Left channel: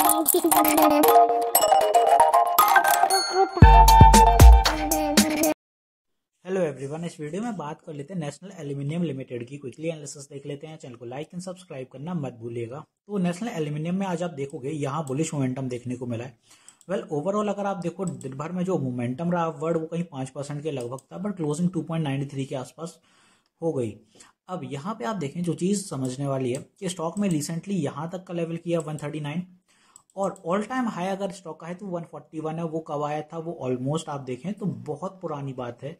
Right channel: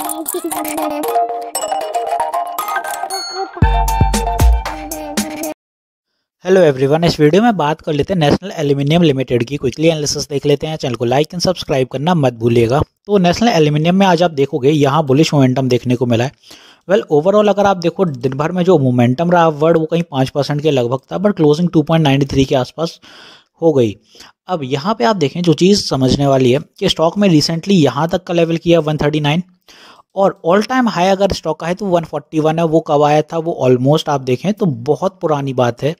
Hello everyone, इस video में बात कर लेते हैं नेशनल एल्यूमिनियम लिमिटेड की। क्विकली एनालिसिस देख लेते हैं। चैनल को लाइक एंड सब्सक्राइब करना मत भूलिएगा। तो नेशनल एल्यूमिनियम में आज आप देखोगे यहाँ बुलिश मोमेंटम देखने को मिला है। वेल ओवरऑल अगर आप देखो दिन भर में जो मोमेंटम रहा वर्ड वो कहीं 5% के लगभग था, बट क्लोजिंग 2.93 के आसपास हो गई। अब यहाँ पे आप देखें जो चीज़ समझने वाली है कि स्टॉक में रिसेंटली यहाँ तक का लेवल किया 139 और ऑल टाइम हाई अगर स्टॉक का है तो 141 है। वो कब आया था? वो ऑलमोस्ट आप देखें तो बहुत पुरानी बात है,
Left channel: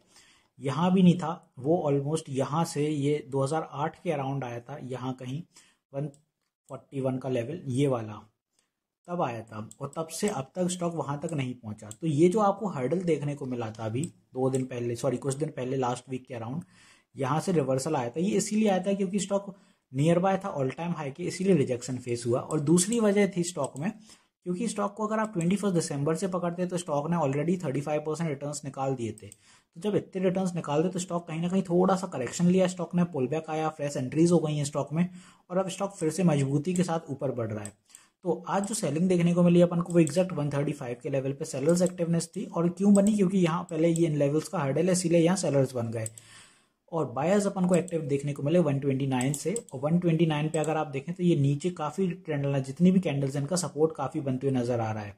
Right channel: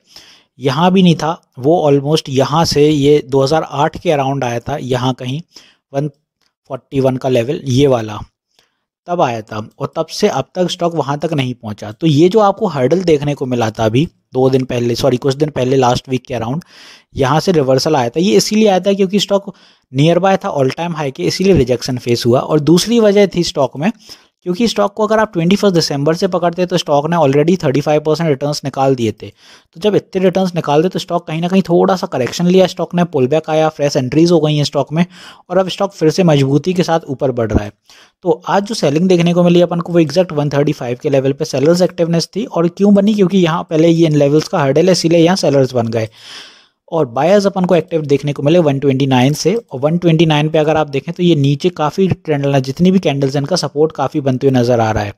यहाँ भी नहीं था वो। ऑलमोस्ट यहाँ से ये 2008 के अराउंड आया था, यहाँ कहीं 141 का लेवल ये वाला तब आया था, और तब से अब तक स्टॉक वहाँ तक नहीं पहुँचा। तो ये जो आपको हर्डल देखने को मिला था अभी कुछ दिन पहले लास्ट वीक के अराउंड, यहाँ से रिवर्सल आया था। ये इसीलिए आया था क्योंकि स्टॉक नियर बाय था ऑल टाइम हाई के, इसीलिए रिजेक्शन फेस हुआ। और दूसरी वजह थी स्टॉक में, क्योंकि स्टॉक को अगर आप 21 दिसंबर से पकड़ते तो स्टॉक ने ऑलरेडी 35% रिटर्न्स निकाल दिए थे। तो जब इतने रिटर्न्स निकाल दे तो स्टॉक कहीं ना कहीं थोड़ा सा करेक्शन लिया, स्टॉक ने पुल बैक आया, फ्रेश एंट्रीज हो गई हैं स्टॉक में, और अब स्टॉक फिर से मजबूती के साथ ऊपर बढ़ रहा है। तो आज जो सेलिंग देखने को मिली अपन को वो एग्जैक्ट 135 के लेवल पे सेलर्स एक्टिवनेस थी। और क्यों बनी? क्योंकि यहाँ पहले ये इन लेवल्स का हर्डल है, इसीलिए यहाँ सेलर्स बन गए। और बायर्स अपन को एक्टिव देखने को मिले 129 से, और 129 पे अगर आप देखें तो ये नीचे काफ़ी ट्रेंड, जितनी भी कैंडल्स हैं इनका सपोर्ट काफ़ी बनते हुए नज़र आ रहा है।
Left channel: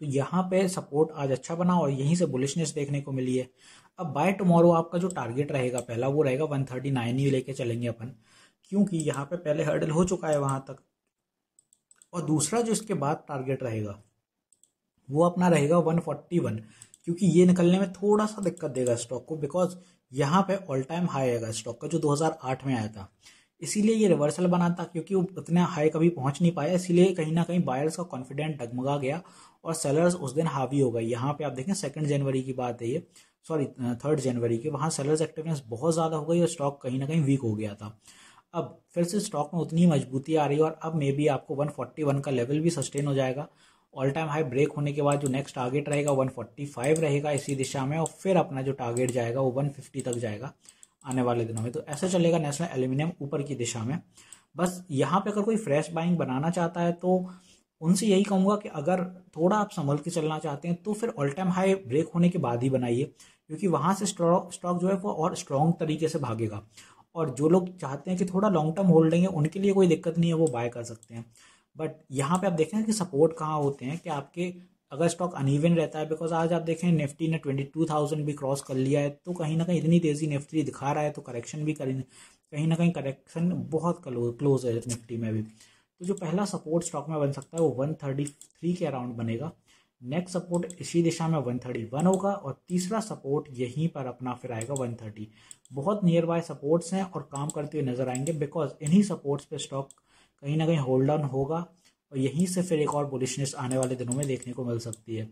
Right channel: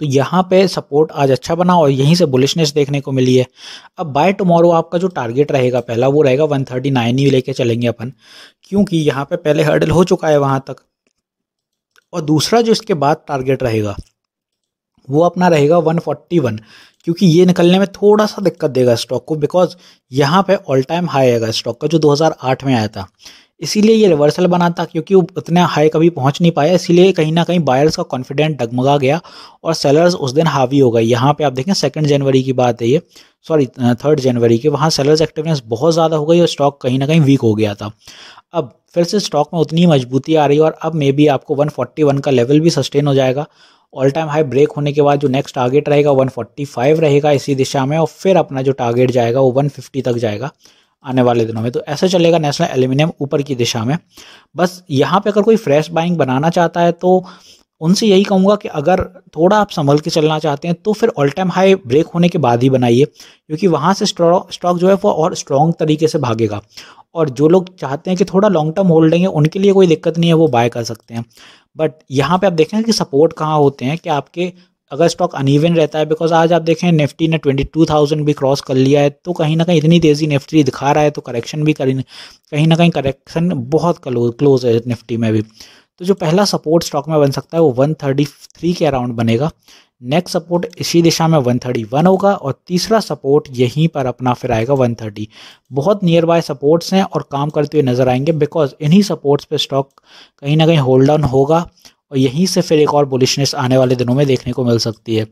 तो यहाँ पे सपोर्ट आज अच्छा बना और यहीं से बुलिशनेस देखने को मिली है। अब बाय टुमारो आपका जो टारगेट रहेगा पहला वो रहेगा 139 ही लेके चलेंगे अपन, क्योंकि यहाँ पे पहले हर्डल हो चुका है वहाँ तक। और दूसरा जो इसके बाद टारगेट रहेगा वो अपना रहेगा 141, क्योंकि ये निकलने में थोड़ा सा दिक्कत देगा स्टॉक को, बिकॉज यहाँ पे ऑल टाइम हाई आएगा स्टॉक का जो 2008 में आया था। इसीलिए ये रिवर्सल बना था, क्योंकि वो उतना हाई कभी पहुंच नहीं पाया, इसीलिए कहीं ना कहीं बायर्स का कॉन्फिडेंट डगमगा गया और सेलर्स उस दिन हावी हो गए। यहाँ पे आप देखें 2 जनवरी की बात है ये, सॉरी 3 जनवरी की, वहाँ सेलर्स एक्टिवनेस बहुत ज़्यादा हो गई और स्टॉक कहीं ना कहीं वीक हो गया था। अब फिर से स्टॉक में उतनी मजबूती आ रही है और अब मे बी आपको 141 का लेवल भी सस्टेन हो जाएगा। ऑल टाइम हाई ब्रेक होने के बाद जो नेक्स्ट टारगेट रहेगा 145 रहेगा इसी दिशा में, और फिर अपना जो टारगेट जाएगा वो 150 तक जाएगा आने वाले दिनों में। तो ऐसा चलेगा नेशनल एल्यूमिनियम ऊपर की दिशा में। बस यहाँ पे अगर कोई फ्रेश बाइंग बनाना चाहता है तो उनसे यही कहूँगा कि अगर थोड़ा आप संभल के चलना चाहते हैं तो फिर ऑल टाइम हाई ब्रेक होने के बाद ही बनाइए, क्योंकि वहाँ से स्टॉक जो है वो और स्ट्रॉन्ग तरीके से भागेगा। और जो लोग चाहते हैं कि थोड़ा लॉन्ग टर्म होल्डिंग है उनके लिए कोई दिक्कत नहीं है, वो बाय कर सकते हैं। बट यहाँ पे आप देखें कि सपोर्ट कहाँ होते हैं, कि आपके अगर स्टॉक अनइवन रहता है, बिकॉज आज आप देखें निफ्टी ने 22,000 भी क्रॉस कर लिया है, तो कहीं ना कहीं इतनी तेज़ी निफ्टी दिखा रहा है तो करेक्शन भी कहीं ना कहीं करेक्शन बहुत क्लोज है निफ्टी में भी। तो जो पहला सपोर्ट स्टॉक में बन सकता है वो 133 के अराउंड बनेगा। नेक्स्ट सपोर्ट इसी दिशा में 131 होगा, और तीसरा सपोर्ट यहीं पर अपना फिर आएगा 130। बहुत नियर बाय सपोर्ट्स हैं और काम करते हुए नजर आएंगे, बिकॉज इन्हीं सपोर्ट्स पे स्टॉक कहीं ना कहीं होल्ड डाउन होगा और यहीं से फिर एक और बुलिशनेस आने वाले दिनों में देखने को मिल सकती है।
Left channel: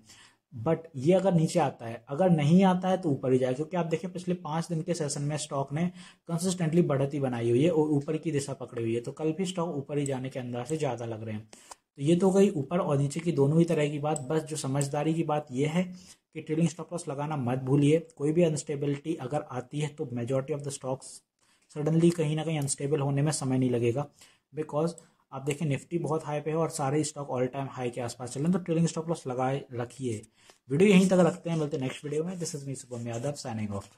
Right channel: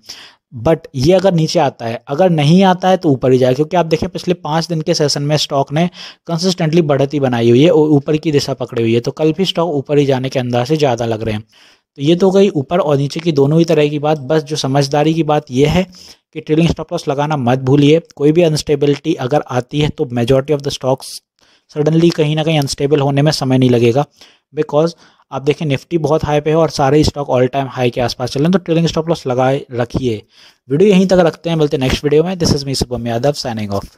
बट ये अगर नीचे आता है, अगर नहीं आता है तो ऊपर ही जाए, क्योंकि आप देखें पिछले 5 दिन के सेशन में स्टॉक ने कंसिस्टेंटली बढ़ती बनाई हुई है और ऊपर की दिशा पकड़ी हुई है, तो कल भी स्टॉक ऊपर ही जाने के अंदाज से ज़्यादा लग रहे हैं। तो ये तो गई ऊपर और नीचे की दोनों ही तरह की बात। बस जो समझदारी की बात यह है कि ट्रेलिंग स्टॉप लॉस लगाना मत भूलिए। कोई भी अनस्टेबिलिटी अगर आती है तो majority of the stocks suddenly कहीं ना कहीं अनस्टेबल होने में समय नहीं लगेगा, बिकॉज आप देखें निफ्टी बहुत हाई पे है और सारे स्टॉक ऑल टाइम हाई के आसपास चल रहे हैं। तो ट्रेलिंग स्टॉप लॉस लगाए रखिए। वीडियो यहीं तक रखते हैं, मिलते हैं नेक्स्ट वीडियो में। This is me Shubham Yadav signing off.